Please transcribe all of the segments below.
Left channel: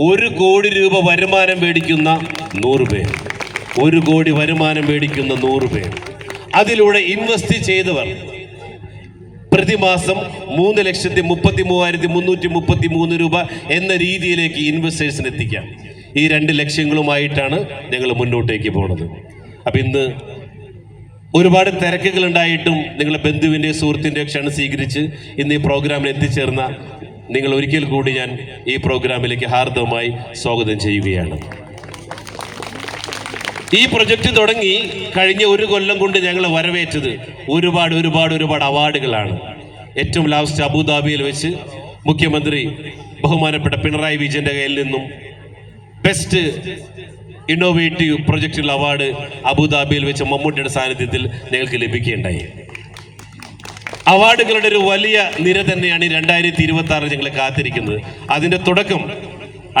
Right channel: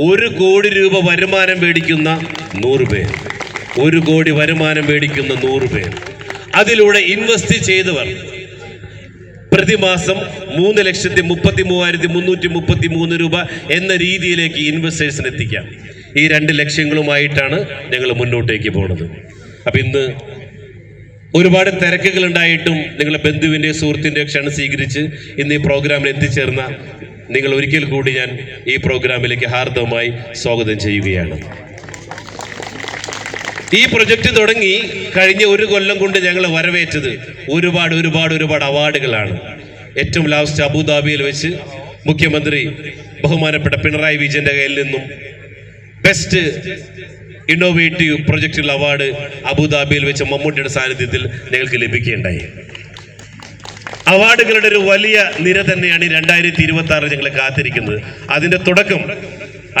1 കോടി രൂപ വരുമാനം മേടിക്കുന്ന 100 പേർ, 1 കോടി വരുമാനം മേടിക്കുന്ന 100 പേർ, അതിലൂടെ ഇൻവെസ്റ്റ് ചെയ്തവർ പ്രതിമാസം 3,33,333 രൂപ എന്ന രീതിയിലേക്ക് ഇൻവെസ്റ്റേഴ്സിന് എത്തിക്കാം. ഈ 2 ലക്ഷ്യങ്ങളുമായിട്ടാണ് ഞങ്ങൾ മുന്നോട്ടേക്ക് പോകുന്നത്. അപ്പം ഇന്ന് ഒരുപാട് തിരക്കുകൾ ഉണ്ടായിട്ടും നിങ്ങളുടെ ബന്ധുവിൻ്റെ സുഹൃത്തിൻ്റെ ക്ഷണം സ്വീകരിച്ച് ഇന്ന് ഈ പ്രോഗ്രാമിൽ എത്തിച്ചേർന്ന നിങ്ങൾ ഒരിക്കൽ കൂടി ഞാൻ ഈ പ്രോഗ്രാമിലേക്ക് ഹാർദവമായി സ്വാഗതം ചെയ്യുകയാണ്. ഈ പ്രൊജക്റ്റ് തുടങ്ങി കഴിഞ്ഞ 1 കൊല്ലം കൊണ്ട് ഞങ്ങൾ വരവേറ്റത് ഒരുപാട് അവാർഡുകളാണ്. ഏറ്റവും ലാസ്റ്റ് അബുദാബിയിൽ വെച്ച് മുഖ്യമന്ത്രി ബഹുമാനപ്പെട്ട പിണറായി വിജയന്റെ കയ്യിൽ നിന്നും ബെസ്റ്റ് ഇന്നോവേറ്റീവ് പ്രൊജക്റ്റുകൾ അവാർഡ് അബുദാബിയിൽ വെച്ച് മമ്മൂട്ടിയുടെ സാന്നിധ്യത്തിൽ ഞങ്ങൾക്ക് ലഭിക്കുകയുണ്ടായി. അവാർഡുകളുടെ ഒരു വലിയ നിര തന്നെയാണ് 2026 ഞങ്ങൾ കാത്തിരിക്കുന്നത്. അതിന്റെ തുടക്കം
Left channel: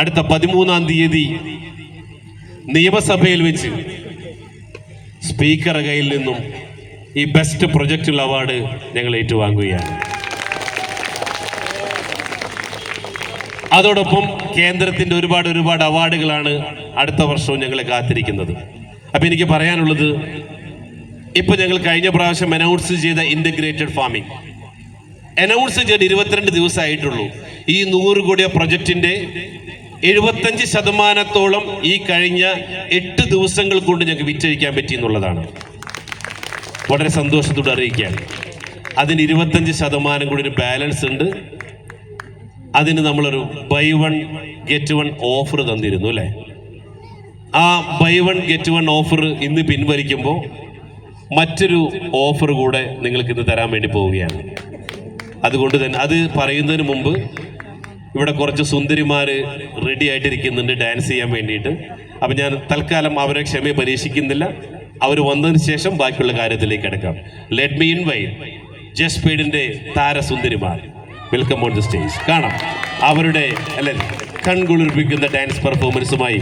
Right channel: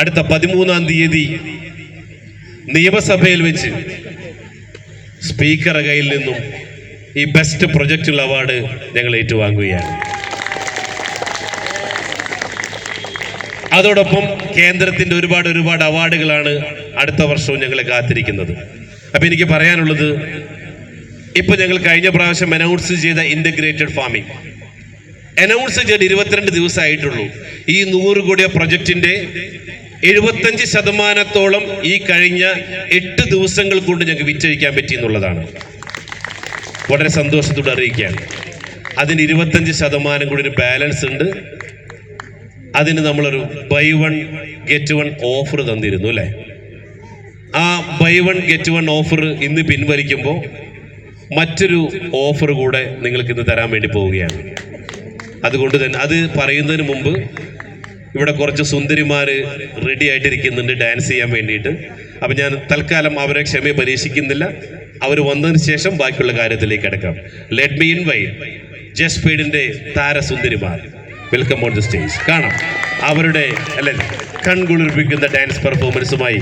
അടുത്ത 13-ാം തീയതി നിയമസഭയിൽ വെച്ച് സ്പീക്കറുടെ കയ്യിൽ നിന്നും ഈ ബെസ്റ്റ് പ്രൊജക്റ്റുകൾ അവാർഡ് ഞങ്ങൾ ഏറ്റുവാങ്ങുകയാണ്. അതോടൊപ്പം കേന്ദ്രത്തിന്റെ ഒരുപാട് അവാർഡുകളാണ് അടുത്ത വർഷവും ഞങ്ങളെ കാത്തിരിക്കുന്നത്. അപ്പൊ എനിക്ക് പറയാനുള്ളത്, ഇപ്പൊ ഞങ്ങൾ കഴിഞ്ഞ പ്രാവശ്യം അനൗൺസ് ചെയ്ത ഇന്റഗ്രേറ്റഡ് ഫാമിംഗ് അനൗൺസ് ചെയ്ത് 22 ദിവസമായിട്ടുള്ളൂ. ഈ 100 കോടി പ്രൊജക്ടിന്റെ 75% ഈ കഴിഞ്ഞ 8 ദിവസങ്ങൾ കൊണ്ട് ഞങ്ങൾക്ക് വിറ്റഴിക്കാൻ പറ്റി എന്നുള്ളതാണ്. വളരെ സന്തോഷത്തോടെ അറിയിക്കുകയാണ്. അതിന് 25% കൂടി ഒരു ബാലൻസ് ഉണ്ട്. അതിന് നമ്മളൊരു ബൈ 1 ഗെറ്റ് 1 ഓഫർ തന്നിരുന്നു അല്ലേ? ആ ബൈ 1 ഗെറ്റ് 1 ഓഫർ ഇന്ന് പിൻവലിക്കുമ്പോൾ മറ്റൊരു ഓഫർ കൂടെ നിങ്ങൾക്ക് ഇന്ന് തരാൻ വേണ്ടി പോവുകയാണ്. അതുകൊണ്ട് തന്നെ അത് പറയുന്നതിന് മുമ്പ് ഇവിടെ കുറച്ച് സുന്ദരിമാര് റെഡി ആയിട്ടിരിക്കുന്നുണ്ട് ഡാൻസ് ചെയ്യാൻ വേണ്ടിയിട്ട്. അപ്പം ഞാൻ തൽക്കാലം അവരെ ക്ഷമയെ പരീക്ഷിക്കുന്നില്ല. അവർ വന്നതിന് ശേഷം ബാക്കിയുള്ള കാര്യത്തിലേക്ക് കിടക്കാം. ലെറ്റ് മീ ഇൻവൈറ്റ് ജസ്പീഡിന്റെ താരസുന്ദരിമാർ വെൽക്കം ഓൺ ദി സ്റ്റേജ്. കാണാം അവരുടെ കൺകുളിർപ്പിക്കുന്ന ഡാൻസ് പെർഫോമൻസുമായി